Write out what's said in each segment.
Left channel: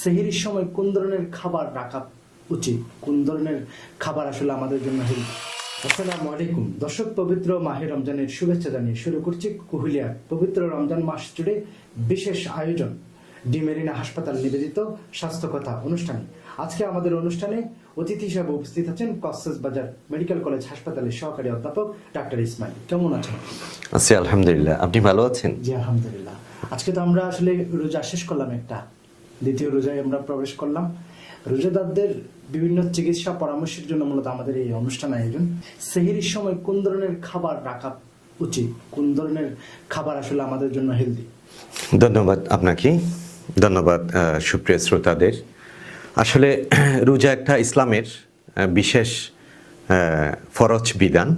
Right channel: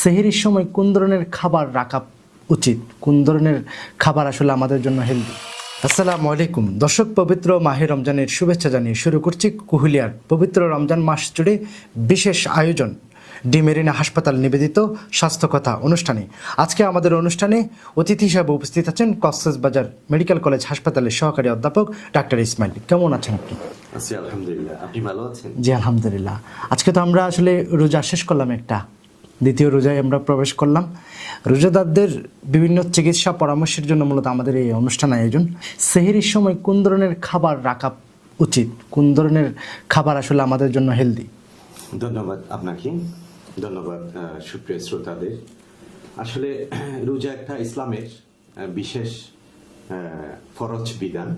সেহরির সময় কোন ধরনের খাবার রাখা উচিত, কোন ধরনের খাবার আসলে আমাদের জন্য হেলদি? আসসালামু আলাইকুম দর্শক, পবিত্র মাহে রমজানের শুভেচ্ছা জানিয়ে শুরু করছি কুহুলিয়ার পবিত্র রমজান মাস জুড়ে বিশেষ আয়োজন ডি মেরিনা হাসপাতাল নিবেদিত স্বাস্থ্য কথা অনুষ্ঠানে। আজকে আমাদের অনুষ্ঠানে অতিথি হিসাবে উপস্থিত আছেন কক্সবাজার মেডিকেল কলেজ হাসপাতালের সহকারী অধ্যাপক ডাক্তার ইসমাইল। কেমন আছেন আপনি? আছি আলহামদুলিল্লাহ, আপনি ভালো আছেন? জি আলহামদুলিল্লাহ। আজকে তো আমরা আসলে রোজা শেষ করলাম, একটা দ্বিতীয় রোজায় আমরা প্রবেশ করলাম। রোজাদারদের বিভিন্ন চিকিৎসা পরামর্শের জন্য মূলত আমাদের এই অনুষ্ঠান আয়োজন। সেহরির সময় কোন ধরনের খাবার রাখা উচিত, কোন ধরনের খাবার আসলে আমাদের জন্য হেলদি? ধন্যবাদ আপনাকে, ধন্যবাদ সুপ্রিয় শ্রোতাদের। আসলে রোজা একটা ইসলামের বিশেষ ফরজ বিধান।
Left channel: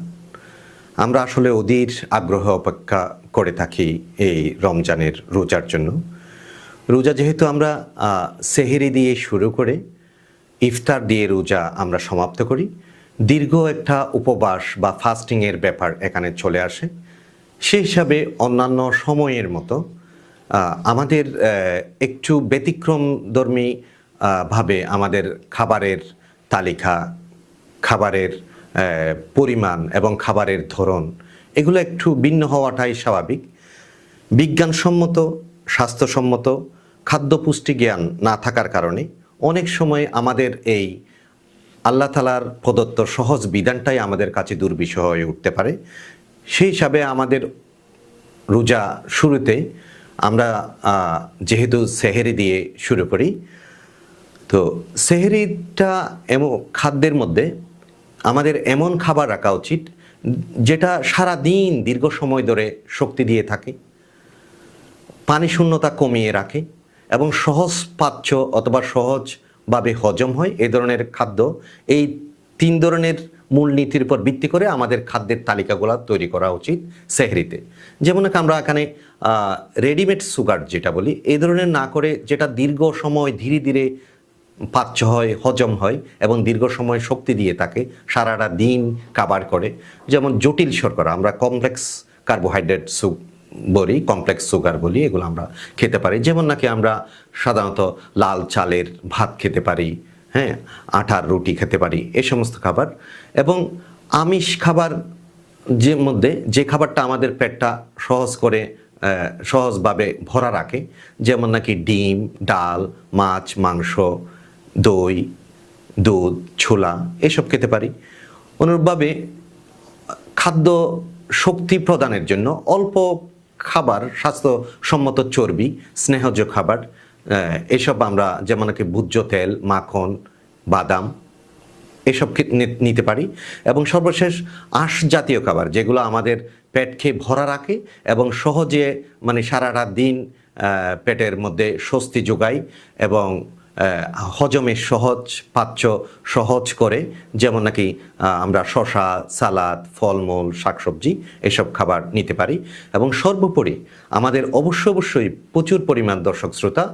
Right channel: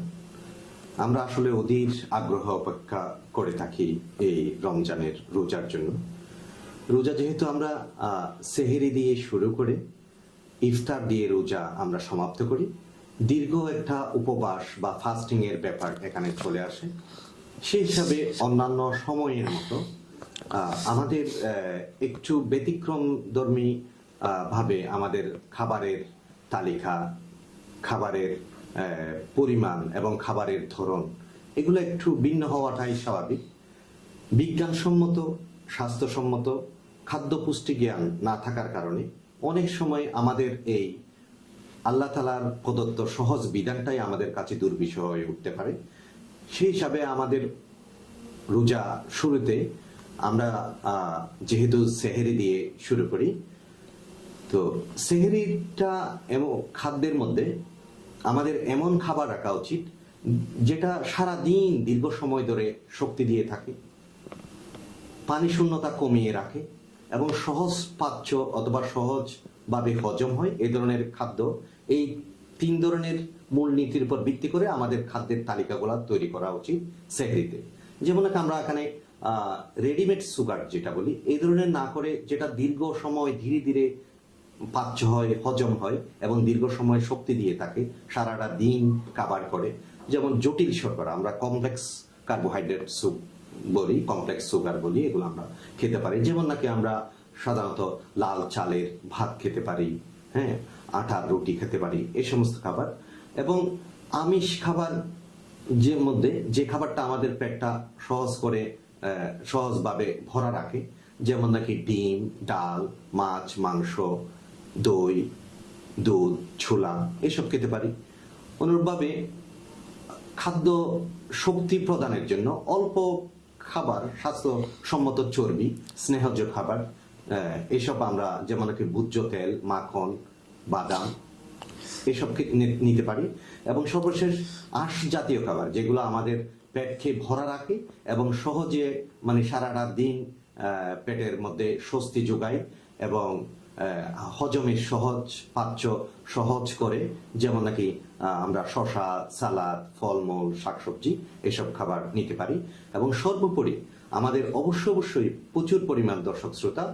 আমরা আসলে অধীর আগ্রহ অপেক্ষা করে থাকি এই রমজানের রোজার জন্য। রোজা যেহেতু আমরা সেহরি দিয়ে শুরু করে ইফতার দিয়ে রোজা আমরা সমাপ্ত করি, দীর্ঘ একটা উপবাস বা ফাস্টিংয়ের ব্যাপার এখানে চলে আসে। সেই হিসাবে অন্যান্য সময়ের মতো আমাদের একটু ব্যতিক্রমধর্মী ভাবে আমাদের খাবারের তালিকা, খাবারের পরিমাণ এবং খাবারের ধরন এগুলো একটু ভিন্ন হওয়াটাই স্বাভাবিক। বিজ্ঞানসম্মত, স্বাস্থ্যসম্মত খাদ্য পুষ্টি জ্ঞান না থাকার কারণে অনেক সময় আমাদের এই আল্লাহ তাআলার প্রদত্ত সহজ বিধানটাই আমাদের কাছে দুর্বিষহ হয়ে উঠতে পারে। সেই হিসাবে আমাদের রোজা শুরুতে আমরা যেহেতু সেহরি দিয়ে শুরু করি, তো সেহরিটা এমন খাদ্যের মধ্যে আমাদের এমন খাবার রাখা উচিত যেটা সারা দিন দীর্ঘ সময় ধরে শক্তি দিয়ে থাকে, পানি শূন্যতা কমিয়ে রাখে এবং সহজ পাচ্য অথবা সহজভাবে হজম হয়। এই ধরনের খাদ্য, এই তিন ধরনের মূলনীতির উপর ভিত্তি করে আমাদের খাদ্যের তালিকাগুলো তৈরি করা উচিত সেহরিতে। যেমন আমরা এখানে রেডিমেড সুগার যেটা বলি, এই ধরনের না করে যেটা দীর্ঘ সময় ধীরে ধীরে পাচ্য হয়, হজম হয় এবং দীর্ঘ সময় শক্তি দিয়ে থাকে, সারাটা দিন কাভার করে। যেমন জটিল শর্করা, আমরা কমপ্লেক্স কার্বোহাইড্রেট বলি, কমপ্লেক্স সুগার বলি, এগুলো আমরা খেতে পারি। যেমন নাকি আমরা সাধারণত লাল চালের ভাত খেতে পারি, হ্যাঁ, আটার রুটি খেতে পারি, এই সমস্ত খাবার। এবং আমিষ খাবার যে মধ্যে যে খাবারটা আমাদের পেটটা সহজভাবে ভরা রাখে, যেমন নাকি ডিম, ডাল, মাছ, মাংস, দই, দুধ, ছোলা এসব খেতে পারি। অনুরূপভাবে খাদ্য শক্তি প্রদানের জন্য অল্প খাবার, স্বাস্থ্যসম্মত চর্বি, স্নেহজ খাবার, এসব আমরা যেমন নাকি ভোজ্য তেল, মাখন, বাদাম এসব নিতে পারি। এবং সর্বশেষ আঁশ জাতীয় খাবার, যেগুলো আমাদের পেটকে ভরা রাখে এবং সহজে সারাটা দিন পেটের মধ্যে স্বস্তি যোগায় এবং হজমের সহজ করে। যেমন নাকি আমরা শসা, সালাদ, ফলমূল, শাকসবজি এসব খাবার নিতে পারি। এবং সর্বোপরি আমাদের অবশ্যই প্রচুর পরিমাণ দর্শক শ্রোতা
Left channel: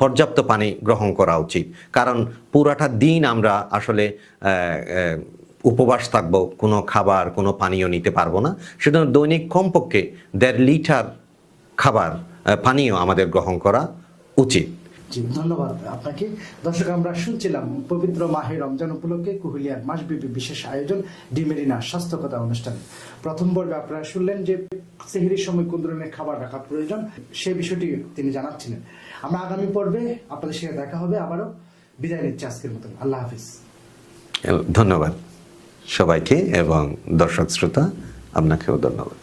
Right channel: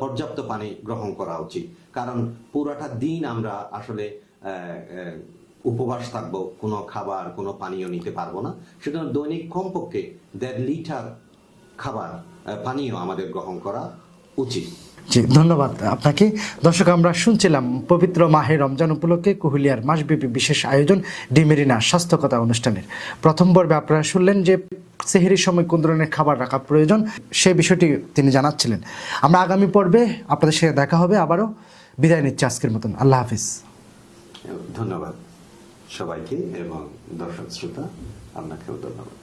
পর্যাপ্ত পানি গ্রহণ করা উচিত। কারণ পুরাটা দিন আমরা আসলে উপবাস থাকবো, কোনো খাবার, কোনো পানীয় নিতে পারবো না। সেজন্য দৈনিক কমপক্ষে 1.5 লিটার খাবার, পানীয় আমাদের গ্রহণ করা উচিত। জি ধন্যবাদ আপনাকে। দর্শক, আমরা শুনছিলাম পবিত্র মাহে রমজান উপলক্ষে কুহুলিয়ার মাসব্যাপী বিশেষ আয়োজন ডি মেরিনা স্বাস্থ্য কথা অনুষ্ঠানের প্রথম পর্বে আপনারা শুনলেন যে সেহরির সময় কোন ধরনের খাবার রাখা প্রয়োজন, সে বিষয়টি তিনি জানাচ্ছিলেন। আমরা আগামী পর্বে আপনাদের সাথে দেখা হবে। আবারও বিদায় নিচ্ছি আজকের মতন। আল্লাহ হাফিজ। ধন্যবাদ সবাইকে এবং দর্শক শ্রোতা আপনাকেও ধন্যবাদ।